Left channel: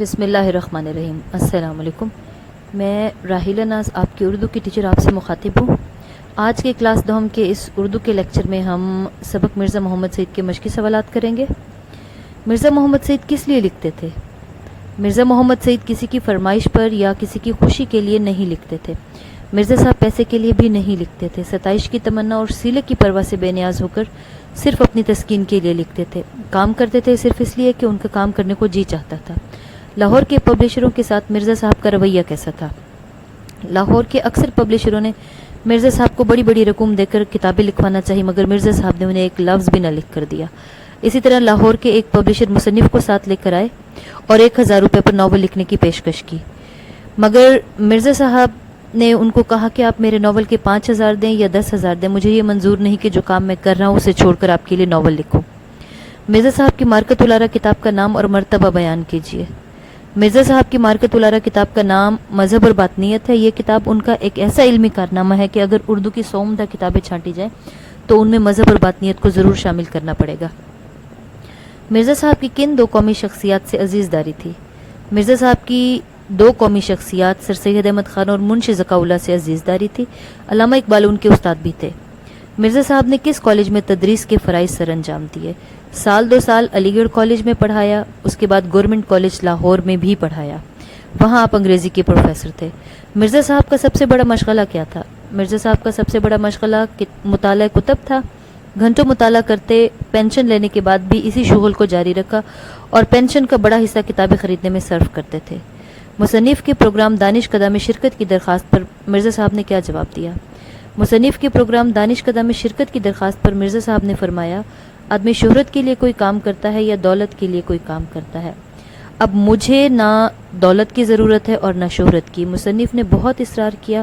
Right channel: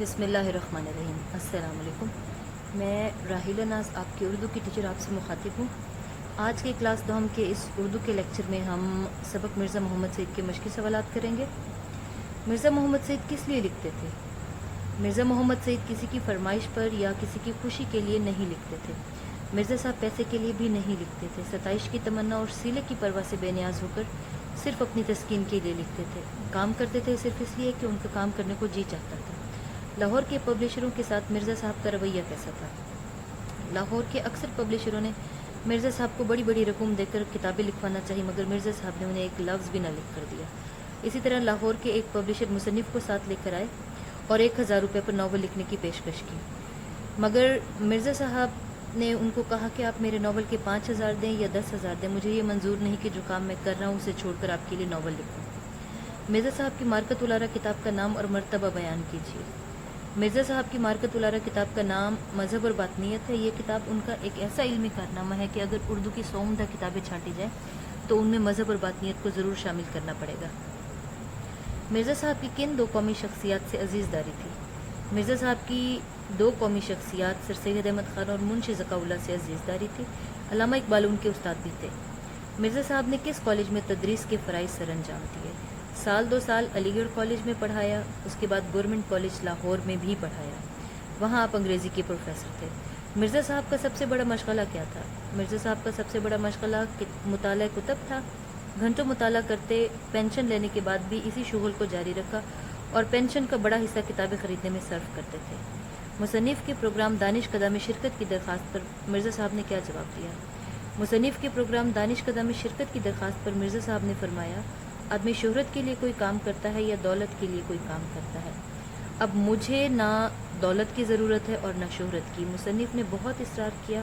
بسم اللہ الرحمن الرحیم۔ السلام علیکم۔ میں راحیلہ ناز آپ کی اردو کی ٹیچر آپ سے مخاطب ہوں۔ آج کے کلاس دوم کے اس اردو کے لیکچر میں ہم سبق مرزا محمد سعید کے مشقی سوالات کریں گے۔ مرزا محمد سعید کس لیے لکھتے تھے؟ مرزا محمد سعید کسی کی فرمائش پر یا کسی کی خوشی کے لیے نہیں لکھتے تھے۔ مرزا صاحب پیسے کے لیے بھی نہیں لکھتے تھے۔ ستائش کی تمنا اور سیلے کی پرواہ سے بے نیاز ہو کر صرف اپنی تسکین کے لیے لکھتے تھے۔ کام کرتے تھے صرف اس لیے کہ ان کا کام کرنے کو جی چاہتا تھا۔ لاہور کے پبلشروں کے ساتھ مرزا صاحب کا رویہ کیسا تھا؟ لاہور کے اکثر پبلشروں نے مرزا صاحب کو بڑی بڑی رقم دے کر کتابیں لکھوانا چاہی، مگر مرزا صاحب نے انہیں ایک لفظ بھی نہ لکھ کر دیا۔ اسی طرح لاہور کے ایک پبلشر مصنف کو ساتھ لے کر آئے اور 1000 روپے پر ناول لکھنے کی پیشکش کی، مگر مرزا صاحب نے ان کو کہا کہ آپ میرے ناول کے 5000 دیں یا 10,000 دیں، مجھے یہ منظور نہیں کہ جو کام میں کر رہا ہوں اسے چھوڑ کر آپ کے لیے ناول لکھوں۔ مرزا صاحب کی مارکت الارا کتاب کا نام اور مرتبہ بیان کیجیے۔ مرزا صاحب کی مارکت الارا کتاب کا نام مذہب اور باطنیت ہے۔ یہ کتاب ان کا ایک ایسا علمی کارنامہ ہے کہ اگر اردو کی 100 عمدہ کتابیں چھانٹی جائیں تو ان میں مذہب اور باطنیت کو ضرور شامل کرنا پڑے گا۔ مرزا صاحب کی کن 2 قومی شخصیات سے عزیز داری تھی؟ مرزا صاحب کی 2 قومی شخصیات سر سید احمد خان اور منشی ذکا اللہ سے عزیز داری تھی۔ علامہ اقبال ان کے استاد بھی تھے۔ مرزا صاحب نے کس کالج میں تدریس کے فرائض سر انجام دیے؟ سال 2 سال علی گڑھ کالج میں پڑھایا، اس کے بعد گورنمنٹ کالج لاہور میں بھی پڑھایا، وہاں آپ انگریزی کے پروفیسر تھے۔ مرزا صاحب کا سب سے بڑا مشغلہ کیا تھا؟ مرزا صاحب کا سب سے بڑا مشغلہ مطالعہ کتب تھا۔ گھنٹوں مطالعہ کرتے، پینشن لینے کے بعد بھی اسی شغل کو جاری رکھا اور پینشن کا بڑا حصہ کتابیں خریدنے میں صرف کرتے تھے۔ مصنف کے پروگرام دانش کدہ میں شرکت کی درخواست پر مرزا صاحب نے کیا جواب دیا؟ مصنف کے پروگرام دانش کدہ میں شرکت کی درخواست پر مرزا صاحب نے فرمایا، آدمی شہرت کے لیے کوئی کام کرتا ہے یا دولت کے لیے کوئی کام کرتا ہے؟ اب مجھے نہ دولت کی ضرورت ہے اور نہ شہرت کی۔ مصنف نے بہت اصرار کیا،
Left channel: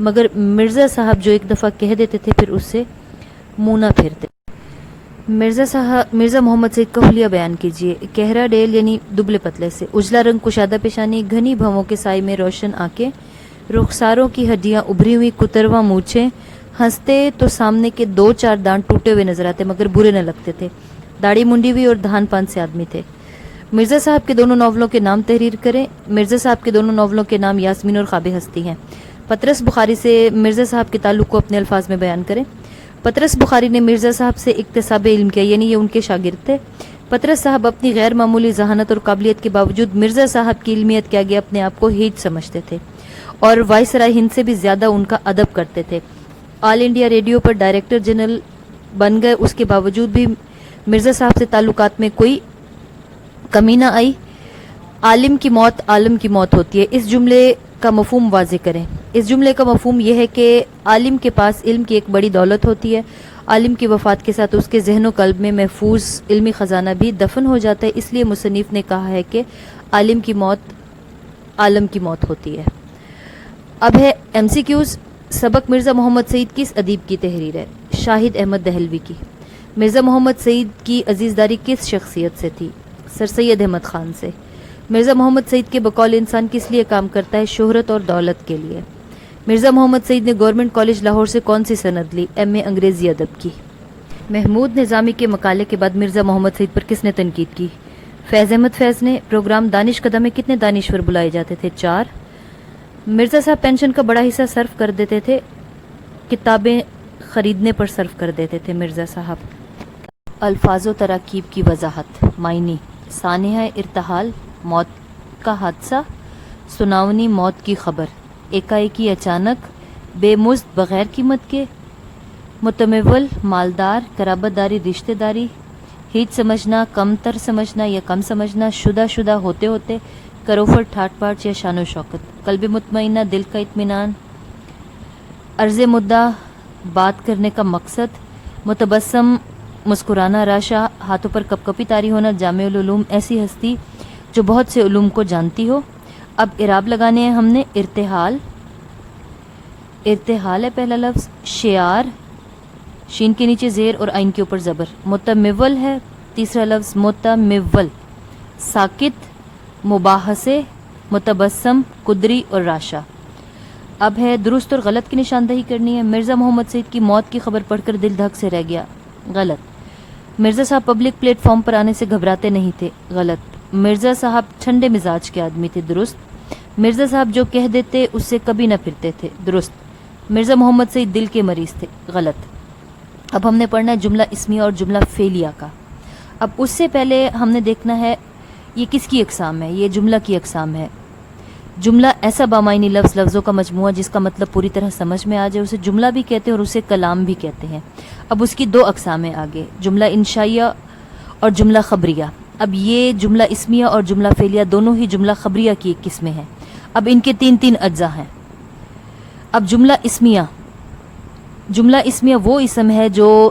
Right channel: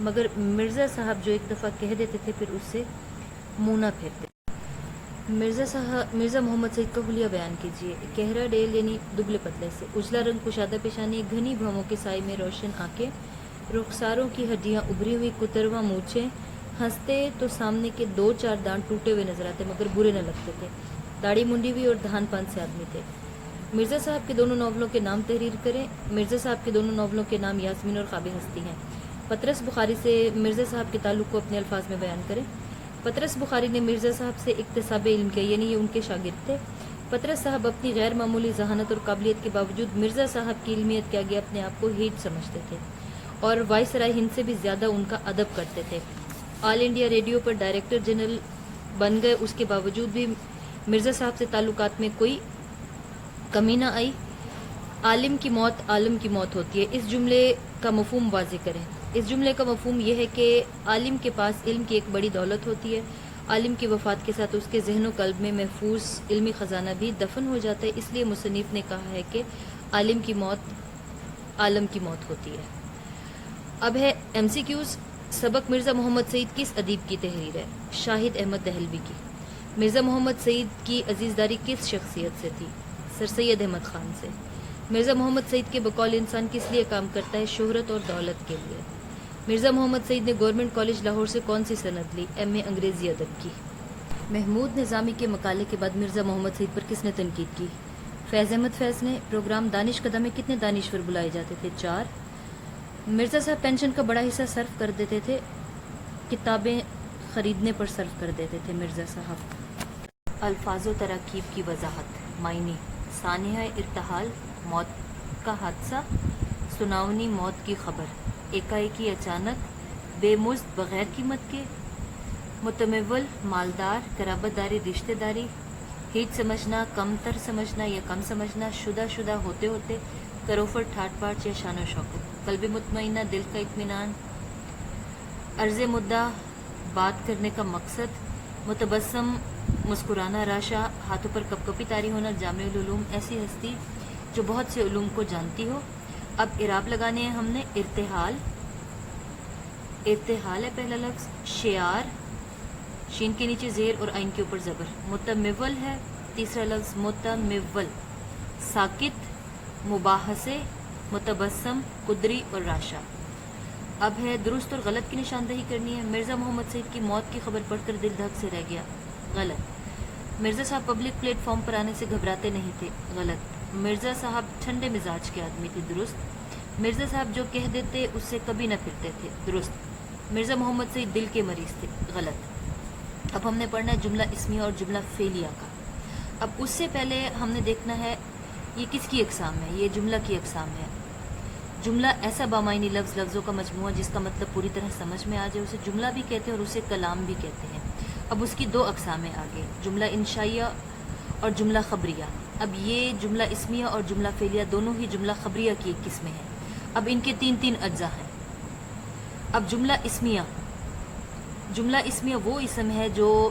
مگر مرزا صاحب جو ایک دفعہ کہہ دیتے تھے پھر اس سے منہ نہ پھیرتے۔ مرزا محمد سعید کا حلیہ بیان کیجیے۔ گہرا ڈیل یعنی دبلے پتلے سے، اجلا رنگ کشادہ پیشانی، گھنی بھووں کے سائے میں روشن آنکھیں، رخساروں کی ہڈیاں ابھری ہوئی، کترواں مونچھیں، ہنستے تو سامنے کے 2-4 دانت ٹوٹے ہوئے نظر آتے مگر برے نہ لگتے تھے، داڑھی منڈی ہوئی اور دھان پان سے آدمی تھے۔ مرزا صاحب کے دونوں ناولوں کے نام تحریر کریں۔ مرزا صاحب کے دونوں ناولوں کے نام یاسمین اور خواب ہستی ہیں۔ پطرس بخاری سے مرزا صاحب کے تعلق کو اپنے الفاظ میں بیان کریں۔ پطرس بخاری نے مرزا صاحب سے اکتساب علم کیا، یعنی یہ ان کے شاگرد تھے۔ پطرس صاحب اپنی غیر معمولی ذہانت اور قابلیت کے باوجود مرزا صاحب کی علمیت کے آگے اپنے آپ کو ہیچ سمجھتے تھے اور وائسرائے ہند سے بھی زیادہ ان کا ادب کرتے تھے۔ آل انڈیا ریڈیو پر ڈائریکٹر جنرل بن گئے، اس کے باوجود بھی مرزا صاحب سے تعلقات میں کوئی کمی نہ آئی۔ عالم کی موت عالم کی موت ہوتی ہے، اس جملے کا مفہوم واضح کریں۔ اس جملے کا مفہوم یہ ہے کہ عالم کے پاس علم کی ایک بڑی دولت ہوتی ہے، عالم کی وفات کے ساتھ اس کے ذہن و قلب میں محفوظ علمی خزانہ بھی دفن ہو جاتا ہے، اس لیے مصنف نے کہا ہے کہ عالم کی موت عالم کی موت ہوتی ہے۔ اب ہے MCQs۔ سبق مرزا محمد سعید کس ادیب کی تحریر ہے؟ شاہد احمد دہلوی کی۔ مرزا محمد سعید کی عزیزداری کس شخصیت سے تھی؟ سر سید احمد خان سے۔ مرزا محمد سعید کے بقول انسان کس لیے کام کرتا ہے؟ شہرت اور دولت کے لیے۔ مرزا محمد سعید نے گورنمنٹ کالج لاہور سے کون سی سند لی؟ MA انگریزی ادب کی۔ محمود نظامی کے مقالے کے بعد مرزا محمد سعید پر کس نے تنقید کی؟ فیض احمد فیض نے۔ پروگرام دانش کدہ میں کتنے دانشور بلائے جاتے تھے؟ 4۔ مرزا صاحب پینشن کا بڑا حصہ صرف کر دیتے تھے، کتابیں خریدنے پر صرف کر دیتے تھے۔ مرزا صاحب الفاظ و تراکیب کی وضاحت۔ معنی: سانحہ ارتحال، موت کا حادثہ، سناونی موت کی خبر، ایکائکی اچانک، بے مزد بغیر قیمت کے، متمول مالدار، قرابت داری رشتہ داری، ہیچ سمجھنا، کم تر سمجھنا یا کم سمجھنا، شدہ ہوتے ہوتے، کروفٹ ٹھاٹ پاٹ یا شان و شوکت، قلب مطمئنہ دل کا اطمینان، عرض مدعا بات کرنے کا مقصد، متبسم مسکرانا، راشا ہاتھوں پر کپ کپی طاری ہونا، جامع العلوم ایسی ہستی جو بہت سے علوم کو جانتی ہو۔ اب اعراب لگانے ہیں ہم نے۔ ارتحال، ارتحال ہے پہلا لفظ، شعار شین کے نیچے زیر اور عین کے اوپر زبر، متمول ہے تیسرا لفظ، متمول، ساکت، مباحثے، متبسم، قدری اور راشا۔ اب ہے درست اور غلط کی نشاندہی کرنی ہے۔ مرزا محمد سعید کی موت کی خبر پڑھ کر دل دھک سے رہ گیا، غلط۔ مرزا صاحب پبلک پلیٹ فارم پر آنے سے گھبراتے نہیں تھے، غلط۔ مرزا صاحب ٹھنڈے مزاج کے آدمی تھے، درست۔ مرزا صاحب جو کہہ دیتے اس سے کبھی نہ پھرتے تھے، درست۔ مرزا محمد سعید دل کے مریض تھے، غلط۔ اب ہم نے پڑھنا ہے جملہ اسمیہ اور جملہ فعلیہ کا۔ اب اس سے پہلے ہم نے دیکھنا ہے یہ کس کی اقسام ہے، یہ جملہ کی اقسام ہے۔ جملہ ایسا بامعنی لفظ، لفظوں کا مجموعہ جس کا مطلب پوری طرح سمجھ میں آ جائے، اسے جملہ بھی کہتے ہیں اور اسے کلام بھی کہتے ہیں۔ اب اس کی دو اقسام ہیں آگے، جملہ انشائیہ اور جملہ خبریہ۔ اب یہ جملہ اسمیہ اور جملہ فعلیہ دونوں ہی جملہ خبریہ کی ایک قسمیں ہیں۔ اب ان کے تین اجزاء ہیں۔ اب جملہ اسمیہ وہ اسم ہے جو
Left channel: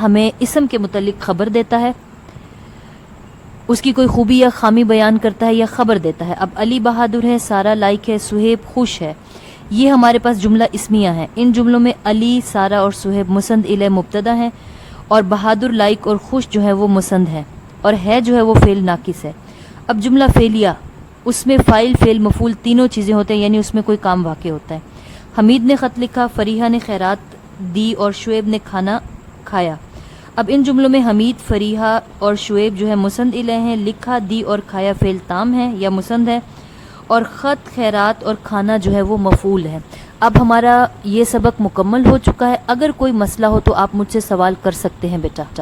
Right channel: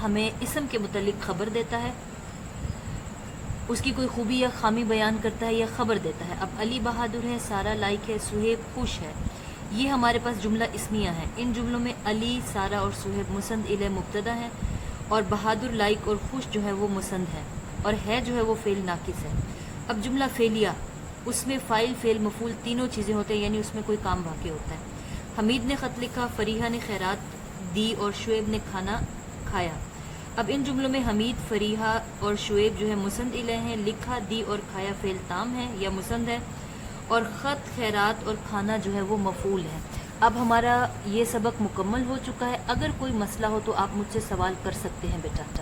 ہمیں اسم کے متعلق خبر دیتا ہے، اس کی کوئی خوبی یا خامی بیان کرتا ہے یا خبر دیتا ہے۔ اب علی بہادر ہے، سارا لائق ہے، سہیب خوش ہے، یہ ہمارے پاس جملہ اسمیہ ہے۔ ان جملوں میں علی، سارا اور سہیب مسند الیہ مبتدا ہیں، اور بہادر، لائق اور خوش جو ہے وہ مسند ہے، اور ہے جو ہے وہ فعل ناقص ہے۔ اب جملہ فعلیہ، اس میں فاعل، فعل، مفعول تینوں چیزیں ہوتے ہیں، یعنی اس میں کوئی کام واقع ہوتا ہے۔ حمید نے خط لکھا، فریحہ نے خیرات دی اور شعیب نے کھانا کھایا۔ اب ان جملوں میں حمید، فریحہ اور شعیب جو ہے مسند الیہ ہیں، لکھا، دی اور کھایا فعل تام ہے یا مسند ہے، اور خط، خیرات اور کھانا جو ہے وہ مفعول ہے۔ اب ہمارا یہ سبق مکمل ہو چکا ہے۔ اگر کوئی مسئلہ ہو تو آپ مجھ سے سوال کر سکتے ہیں بیٹا۔